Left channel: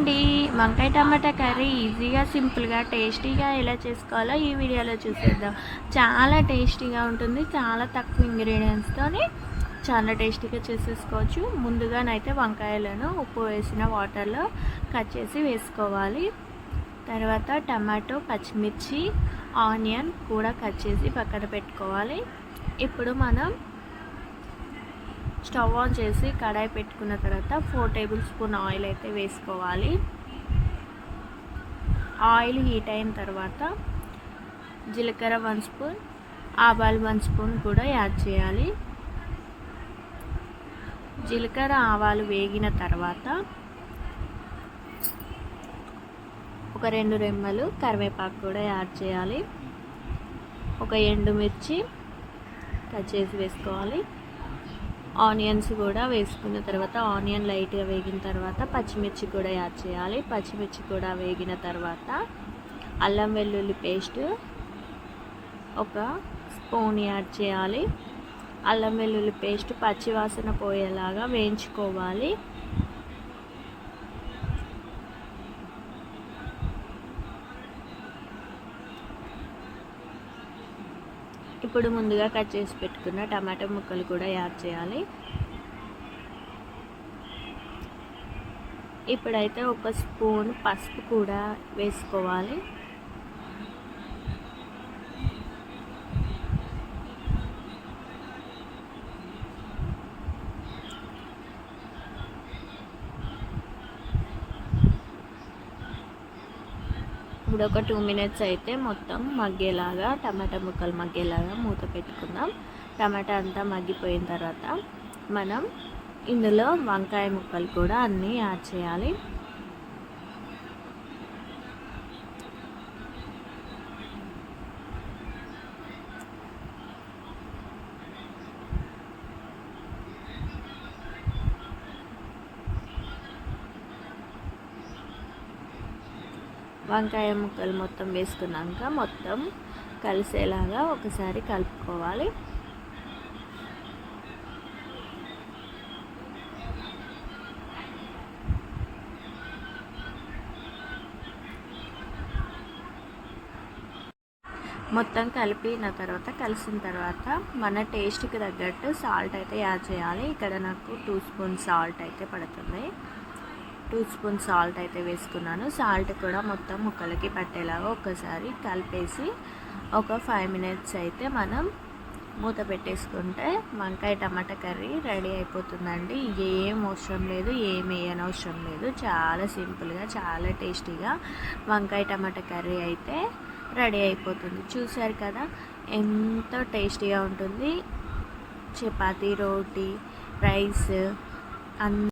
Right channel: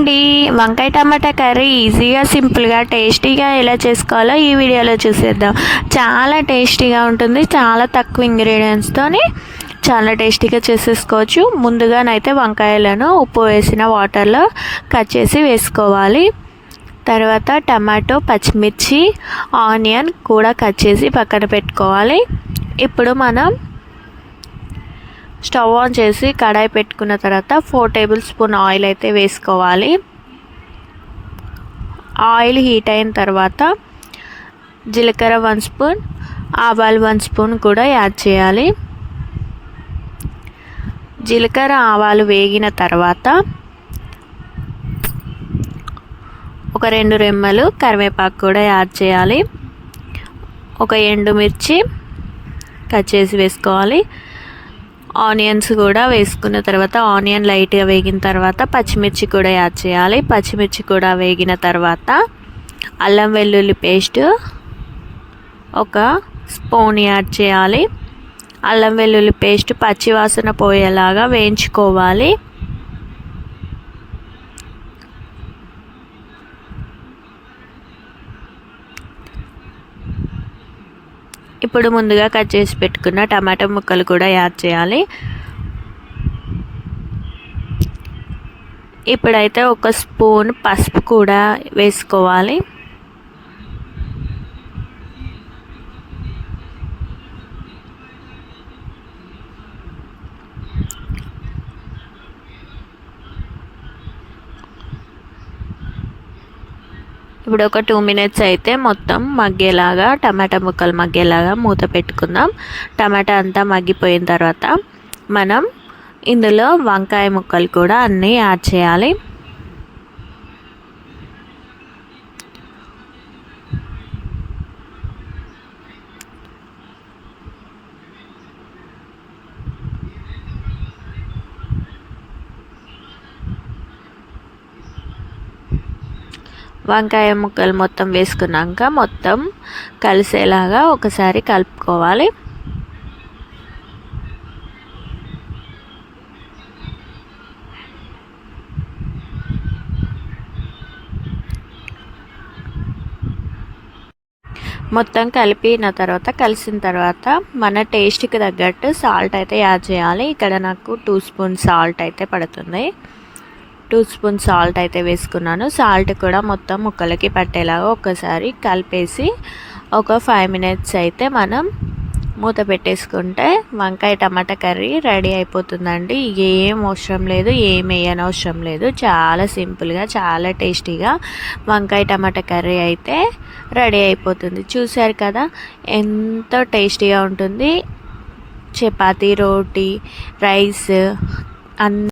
అండి, వంకాయ టమాటా కర్రీ ఈజీగా సింపుల్గా టేస్టీగా ఎలా చేసుకోవాలో ఈ వీడియోలో చూసేద్దాం. చాలా టేస్టీగా ఉంటుంది. చాలా తక్కువ ఇంగ్రీడియంట్స్తోని చాలా టేస్టీగా చేసేసుకోవచ్చు. ముందుగానైతే వంకాయలను ఉప్పు వేసిన వాటర్లో కట్ చేసి వేసుకోవాలి. తర్వాత టమాటో, పచ్చిమిర్చి, ఆనియన్ కూడా కట్ చేసి పక్కన పెట్టుకోవాలి. ఇప్పుడు మనం స్టవ్ ఆన్ చేసి కడాయి పెట్టుకున్న తర్వాత 4 టేబుల్ స్పూన్ ఆయిల్ అయితే వేసుకోవాలి. ఆయిల్ హీట్ అయిన తర్వాత జీలకర్ర 1 స్పూన్, ఆవాలు 1 స్పూన్ కూడా యాడ్ చేయాలి. జీలకర్ర ఆవాలు వేగిన తర్వాత ఒక 2 రెమ్మలు కరివేపాకు కూడా యాడ్ చేయాలి. ఒక ఎండుమిర్చి కట్ చేసి వేసుకోవాలి. ఆనియన్స్ కూడా వేసుకున్న తర్వాత ఆనియన్ లైట్గా వేగిన తర్వాత పచ్చిమిర్చి కూడా యాడ్ చేయాలి. పచ్చిమిర్చి కూడా వేగిన తర్వాత అల్లం వెల్లుల్లి పేస్ట్ ఒక స్పూన్ యాడ్ చేయాలి. అల్లం వెల్లుల్లి పేస్ట్ పచ్చి వాసన పోయేలాగా వేయించుకోవాలి. ఇప్పుడు ముందుగా కట్ చేసి పెట్టుకున్న టమాటా ముక్కలు కూడా యాడ్ చేయాలి. ఇప్పుడైతే ఒక స్పూన్ పసుపు కూడా వేసుకోవాలి. ఇప్పుడు ఒక 2 మినిట్స్ అయితే మొత్తం మగ్గేలాగా టమాటా ముక్కలు మగ్గేలాగా మూత పెట్టుకుందాం. టమాటా అంతా మగ్గిపోయిన తర్వాత మనం ఇందులో వంకాయ ముక్కలు కూడా అన్నీ యాడ్ చేయాలి. వంకాయ ముక్కలు మొత్తం వేసుకున్నాక మొత్తం కలిసేలాగా ఒకసారి కలుపుకోవాలి. మొత్తం కలిపిన తర్వాత కలిసిన తర్వాత మన టేస్ట్కి తగ్గట్టు సాల్ట్ అయితే యాడ్ చేయాలి. ఇక్కడ నాకు 2 స్పూన్ సాల్ట్ అయితే పడుతుంది. 2 స్పూన్ సాల్ట్ అయితే వేసుకున్నాను. సాల్ట్ కూడా మొత్తం ముక్కలకి పట్టేలాగా ఒక్కసారి కలిపేసి ఒక 5 మినిట్స్ అయితే మనం మూత పెట్టేసుకుంటే వంకాయ టమాటా కర్రీ రెడీ అయిపోతుందండి. ఏం అవసరం లేదు, ఏం వేయనవసరం లేదు. చాలా సింపుల్గా చాలా టేస్టీగా వంకాయ టమాటా కర్రీ అయితే రెడీ అయిపోతుంది. చూసారు కదా ఎంతో టేస్టీగా ఉంటుంది. చపాతీ, రోటీ, రైస్